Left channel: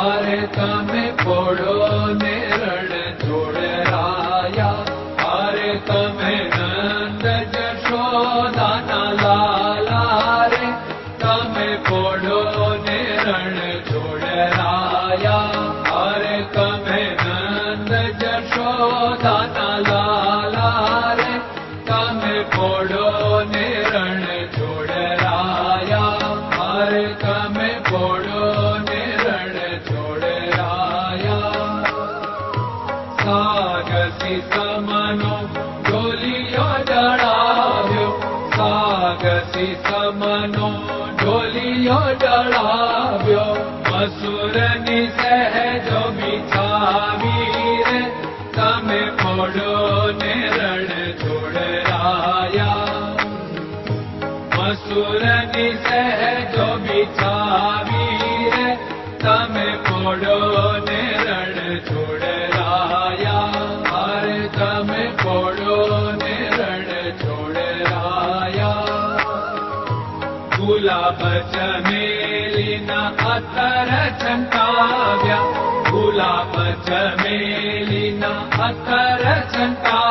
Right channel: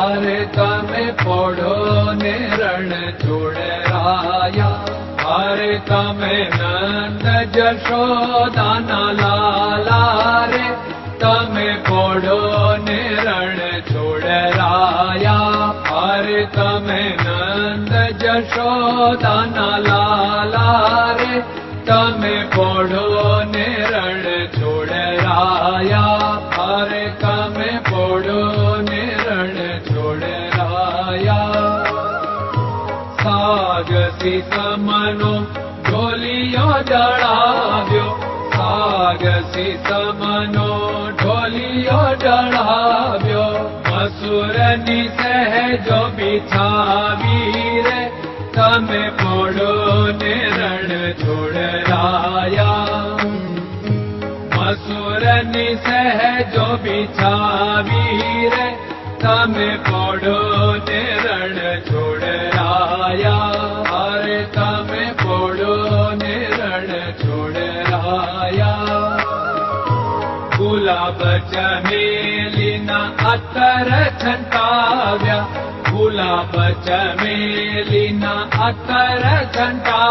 अरे तमे पोड़ो ने रण जोड़राया अरे तमे नंद जशोदाना लाला रे तमे पोड़ो ने रण जोड़राया अरे तमे नंद जशोदाना लाला रे तमे पोड़ो ने रण जोड़राया अरे तमे पोड़ो ने रण जोड़राया सागसी समनो ढोलियो जड़ाव्यो सागसी समनो ढोलियो जड़ाव्यो असुरनी सहजो बिछावी रे तमे पोड़ो ने रण जोड़राया असुरनी सहजो बिछावी रे तमे पोड़ो ने रण जोड़राया अरे तमे पोड़ो ने रण जोड़राया गुलाब चमेलीना अतर छंटाव्या गुलाब चमेलीना अतर छंटा